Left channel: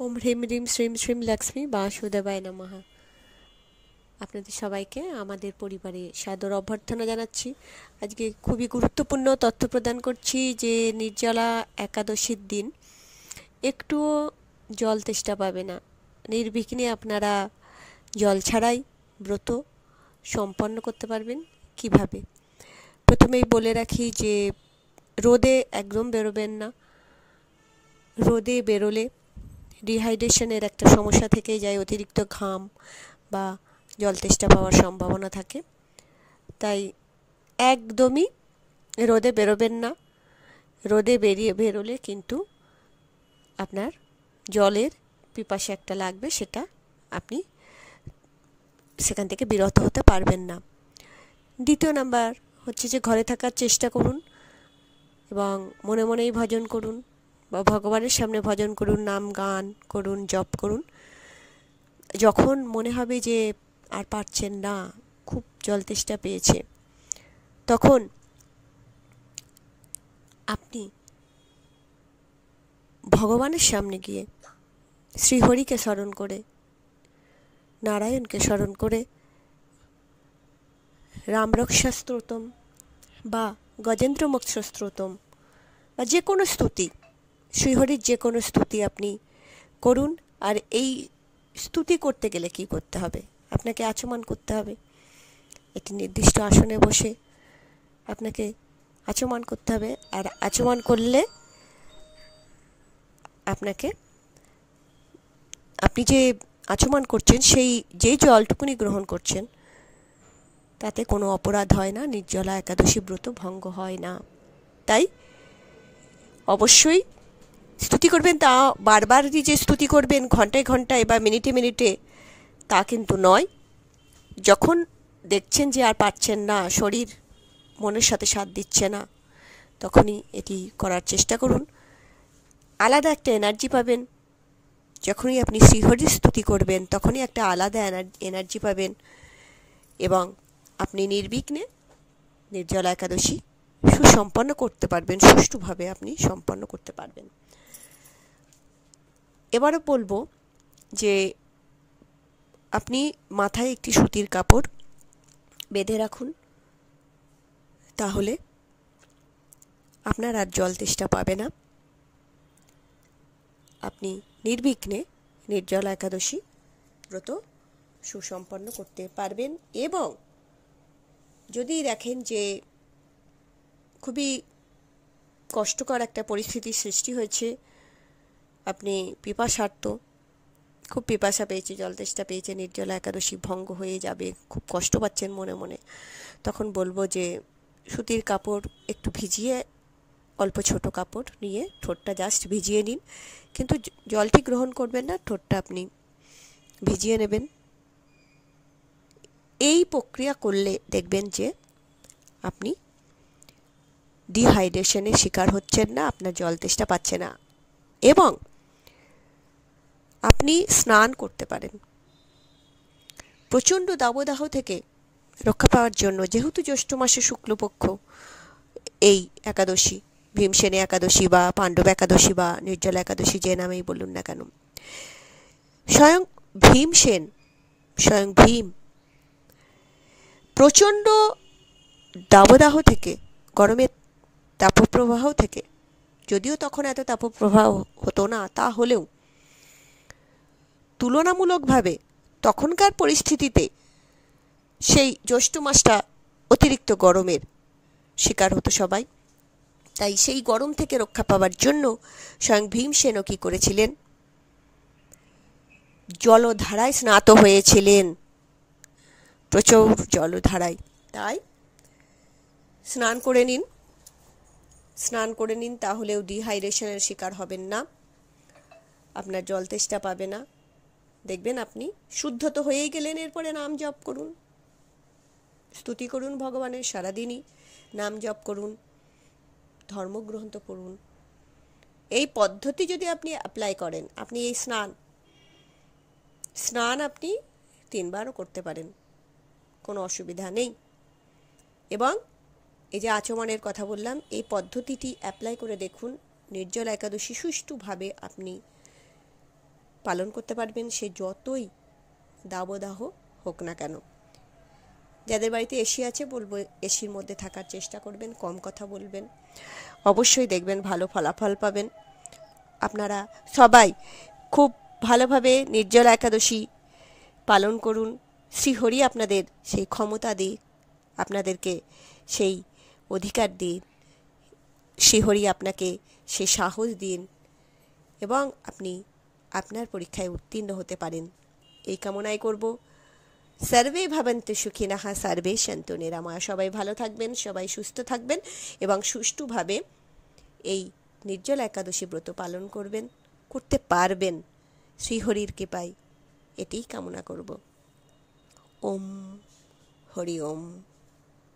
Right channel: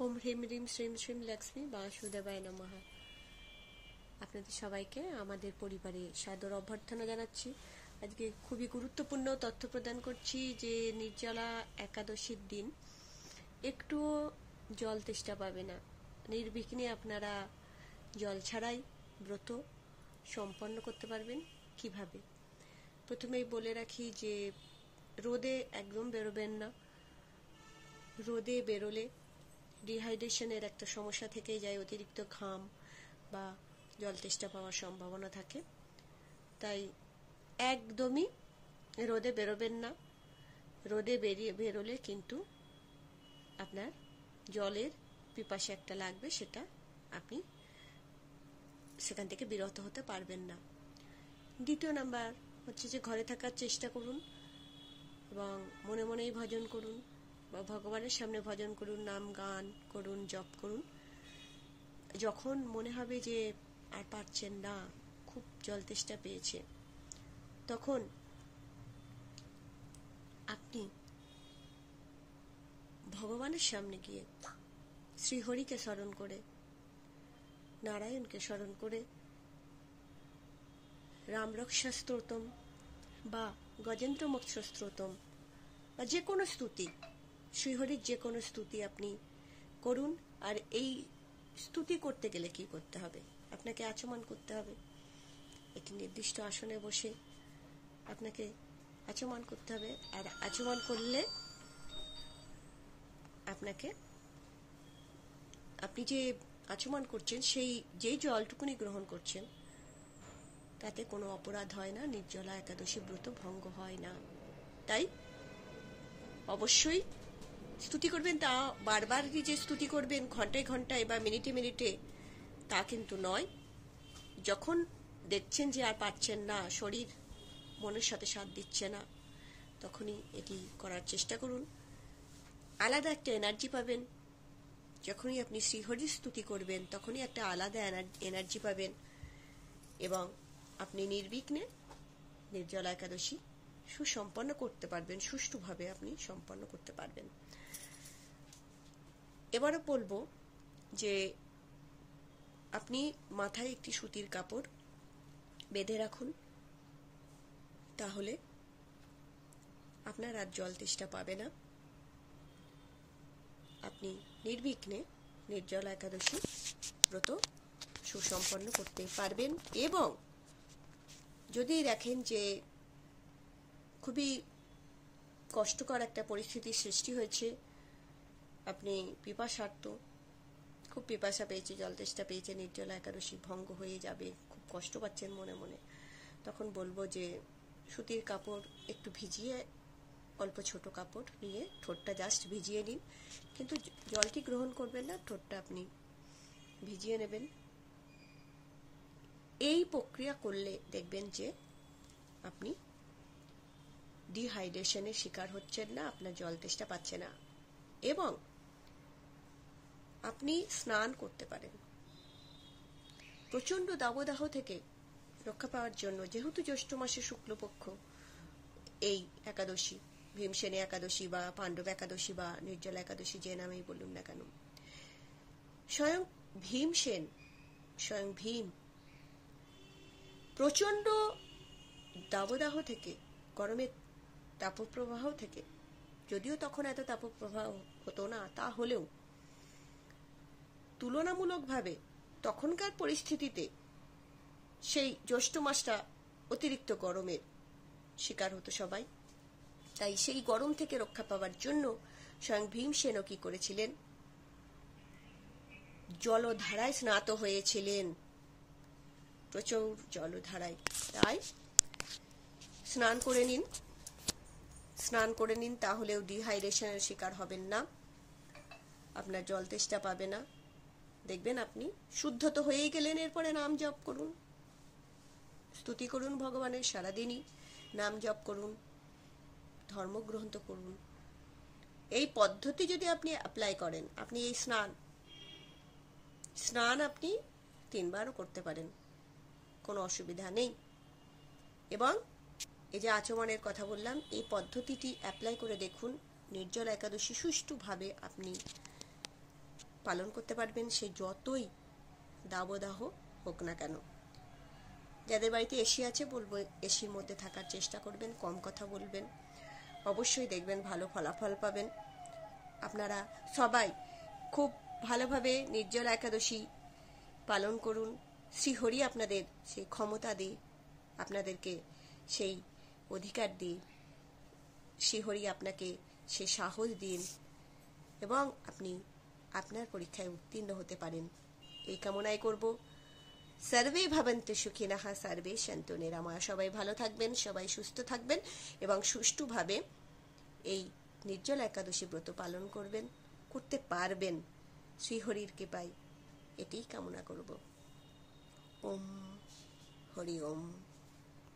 ওম হ্রিম হ্রিম শ্রীম শ্রীম লক্ষ্মী বাসুদেবায় নমঃ। আপনাদের সবাইকে আমাদের পরিবারে সাদর অভ্যর্থনা জানাচ্ছি। আজকে খুবই গুরুত্বপূর্ণ তথ্য প্রদান করছি যে নির্জলা একাদশীর দিন একটুও জল তেষ্টা পাবে না। নির্বিঘ্নে আপনারা জল ছাড়াই ব্রত সম্পন্ন করতে পারবেন। কিভাবে? প্রথমেই বলে রাখি যে রোদে একদম বেরোবেন না। রোদে বেরোলে ডিহাইড্রেশনের একটা সমস্যা থেকেই যায়, অতিরিক্ত ঘাম বা জল তেষ্টা পাওয়ার সম্ভাবনা থাকে। তাই একদমই রোদে বেরোবেন না। রোদে বেরোলে কিন্তু আপনার জলের পিপাসা একটা লাগবে, সেটা আপনি সেখান থেকে বিরত হতে পারবেন না। দ্বিতীয় নাম্বার হচ্ছে যে ঘরে থাকার চেষ্টা করুন এবং মনে মনেই ভজন করুন বা ভগবানের সামনে ভজন করুন, নাম গান করুন, জপ করুন। যখন মনে হবে যে আর পারছেন না, খুব জল তেষ্টা পেয়েছে, তখন আপনি ভগবানের সামনে গিয়ে শ্রীহরিকে স্মরণ করে, নারায়ণকে স্মরণ করে রামরক্ষা স্তোত্রম বা গজেন্দ্র মোক্ষ স্তোত্রম বা যে কোনো স্তুতি, শ্রীহরির যে কোনো স্তুতি আপনি করুন। আর এই স্তুতি করতে গেলে কি করতে হবে? আপনাকে আচমন করতে হবে। একটি নির্দিষ্ট আসনে বসে আপনাকে আচমন করতে হবে। আর আচমন করলে আপনি যে আচমন করছেন সেই যেই জলটুকুনি গ্রহণ করছেন তাতে কোনো অপরাধ হয় না, নির্জলা একাদশী ব্রত ভঙ্গ হয় না। তাই অবশ্যই স্তুতি করবেন। তা বারবার যে স্তুতি করবেন ঘন্টায় ঘন্টায় বা মিনিটে মিনিটে, তা কিন্তু নয়। যখন দেখছেন যে আর পারছেন না, শরীর মনের সাথে সাথ দিচ্ছে না, তখনই এটি করার চেষ্টা করুন। আলাদা একটা এনার্জি পাবেন। যখনই আপনি শ্রীহরির স্তুতি করবেন তখনই একটা আলাদা এনার্জি পাবেন এবং আপনি নির্বিঘ্নে নির্জলা একাদশী সুসম্পন্ন করতে পারবেন, সুষ্ঠুভাবে আপনি সম্পন্ন করতে পারবেন। এবারও বলবো যে আপনি মাথায় একটি সুতির কাপড় বেঁধে রাখুন, তাহলে আপনার আর জল তেষ্টা পাবে না। আপনি নির্বিঘ্নে নির্জলা একাদশী ব্রত সুসম্পন্ন করতে পারবেন। এবং যদি দেখেন যে খুবই কষ্টকর একটা পরিস্থিতির সৃষ্টি হয়েছে, আপনি পিপাসার্ত, খুব পিপাসা পেয়েছে, জল তেষ্টা পেয়েছে, নির্জলা একাদশী ভঙ্গ হয়ে যাবে, খুব কষ্ট পাচ্ছেন মনে মনে, তখন বলবো যে সুতির কাপড় একটু ভিজিয়ে, অল্প ছোট কাপড় নিয়ে ঠোঁটটা জাস্ট ভিজিয়ে নিন। কিন্তু জলটি গ্রহণ করবেন না, ঠোঁটটা আপনি ভিজিয়ে নেবেন। এই প্রক্রিয়া করলে দেখবেন যে আপনি ডিহাইড্রেশনের শিকার হচ্ছেন না, আপনার জল তেষ্টা পাচ্ছে না এবং আপনি স্নান করতে পারেন। প্রচণ্ড দাবদাহ থেকে রক্ষা পাওয়ার জন্য, যেহেতু জ্যৈষ্ঠ মাসে শুক্লপক্ষ এই একাদশী, ভীমসেনী একাদশী বা পাণ্ডব একাদশী বা নির্জলা একাদশী, যে নামেই বলুন না কেন, স্বয়ং ভীমসেন, স্বয়ং ভীম প্রচণ্ড দাবদাহ থেকে, গরমের তাপপ্রবাহ থেকে, যদিও তখন এত তাপপ্রবাহ হতো না, তা হলেও তুলনামূলকভাবে তখনকার পরিস্থিতিতে সেই জ্যৈষ্ঠ মাসটা অতিরিক্ত গরমের শিকার হতো সবাই। তাই সেই গরম থেকে রক্ষা পাওয়ার জন্য স্বয়ং ভীমসেনও কী করেছিলেন? জলধারায় স্নাত হয়েছিলেন, প্রচুর জলধারায়। তাই স্নান করে নিন, তাহলেও ডিহাইড্রেশনের শিকার হবেন না, আপনার জল তেষ্টা পাবে না। দেখবেন আপনি শুদ্ধ তো হয়েই গেলেন। এরপরে নাম জপ করুন, স্তুতি করুন ভগবানের, সারাদিনই নাম জপ করুন, ধর্মগ্রন্থ করুন। এই পদ্ধতি যদি আপনি অ্যাপ্লাই করেন, আপনি এই স্নান আপনি 3 বারও করতে পারেন, কোনো অসুবিধা নেই। এবং এই যে আচমনের কথা বললাম, এই পদ্ধতিটি অ্যাপ্লাই করে দেখুন, নির্জলা একাদশী সুষ্ঠুভাবে আপনি পালন করতে পারবেন, সে যতই দাবদাহ হোক না কেন। যাদের বাড়িতে এসি আছে বলবো এসির মধ্যে থাকার চেষ্টা করবেন, কম কথা বলবেন, অবশ্যই দেখবেন ভালো ফলাফল পাবেন। আপনারা সবাই খুব ভালোভাবে নির্জলা একাদশী পালন করুন। শ্রীহরি আপনাদের সেই ক্ষমতা দিন, আপনাদেরকে সেই অধিকার দিন, শ্রীহরি আপনাকে সে সাহস দিন এবং আপনি আপনার পরীক্ষায় উত্তীর্ণ হতে পারেন, এই কামনাই করব। সর্বে ভবন্তু সুখিনঃ, সর্বে সন্তু নিরাময়া। সবাই ভালো থাকবেন, সবাই সুস্থ থাকবেন এবং সুষ্ঠুভাবে এই নির্জলা একাদশী ব্রত পালন করতে পারবেন শ্রীহরির কৃপায়, এটিই কামনা করব। ওম হরি ওম।